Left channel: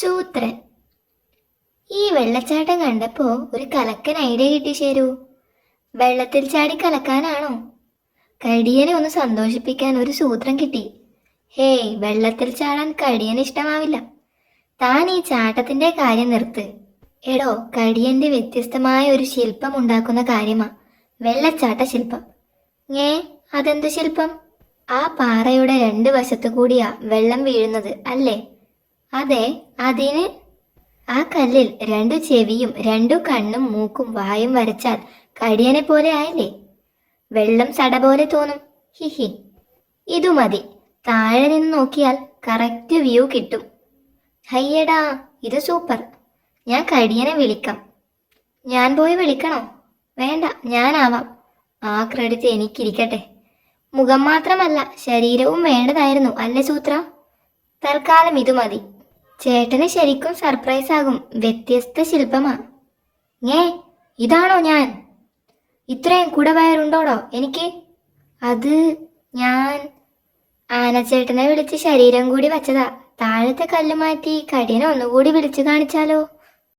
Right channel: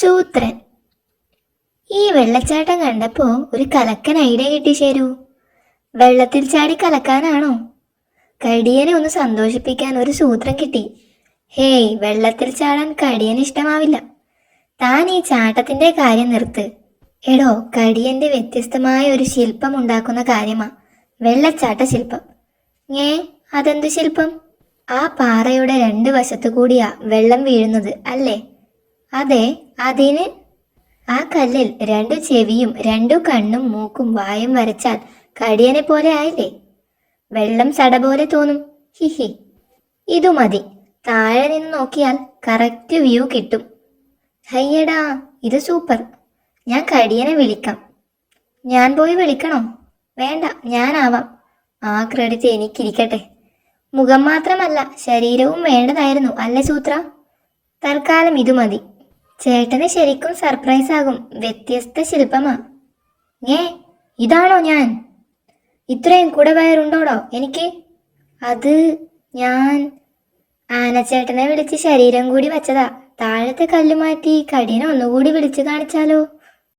സൂത്രൻ. ഈ വെള്ളച്ചാട്ടം കണ്ടപ്പോ ഒരു കലക്കൻ ഐഡിയ കിട്ടി. ശരു, വെള്ളത്തിൽ ചാടി കലക്കാനാണോ? കടിയനെ ഒന്ന് സന്തോഷിപ്പിക്കാൻ ഒരു സൂത്രം കിട്ടി. ഹേയ്, വെള്ളത്തിൽ ചാടാൻ കടിയന് ഇഷ്ടമാവില്ല. താൻ ഈ ചാട്ടത്തിന്റെ കാര്യം നിർത്ത്. എടോ, കടിയന്റെ വ്യത്യസ്തമായ ഒരു ശില്പം ഉണ്ടാക്കുന്ന കാര്യമാ വെള്ളച്ചാട്ട ശില്പം. അതെന്ത് ശില്പം? ആ പാറയുടെ രണ്ട് വശത്തു കൂടിയാ വെള്ളം വീഴുന്നത് അല്ലേ? അതെ. അതിന് ആ കല്ലിൽ രണ്ടു ചെവിയും രണ്ടു കണ്ണും മൂക്കും വായും വരച്ചാൽ കടിയനെ പോലെ ആയില്ലേ? വെള്ളം സട പോലെ തോന്നും. ഹിഹി. ഇതു മതി. താഴെ നിന്ന് നോക്കിയാൽ കറക്റ്റ് വ്യൂ കിട്ടും. ഹയ്യടാ, ഇത് സൂപ്പർ. ഞാൻ കടിയനെ വിളിക്കാം. ഞാൻ പോയി വിളിക്കണോ? വേണ്ട, ഞാനാവാം. ആ ക്രെഡിറ്റ് എനിക്കിരിക്കട്ടെ. മുഖം മാത്രമല്ല, ശരീരവും വേണ്ടതായിരുന്നു അല്ലേ സൂത്ര? തൽക്കാലം ഇതു മതി. ചേട്ടന് ശരിക്കും സർപ്രൈസ് ആകും. വ്യത്യസ്ത ശില്പമാ. ഇതാണോ ഞാൻ? ഇത്രയും കുടവയറുണ്ടോടോ എനിക്ക്? അത് ഞാൻ ആനച്ചേട്ടനെ വിളിച്ച് ശരീരം കൂടി വെച്ചതാ. താഴത്തെ കല്ല് മാറ്റി കടിയനെ ഒന്നുകൂടി വിളിച്ചു കാണിച്ചാലോ?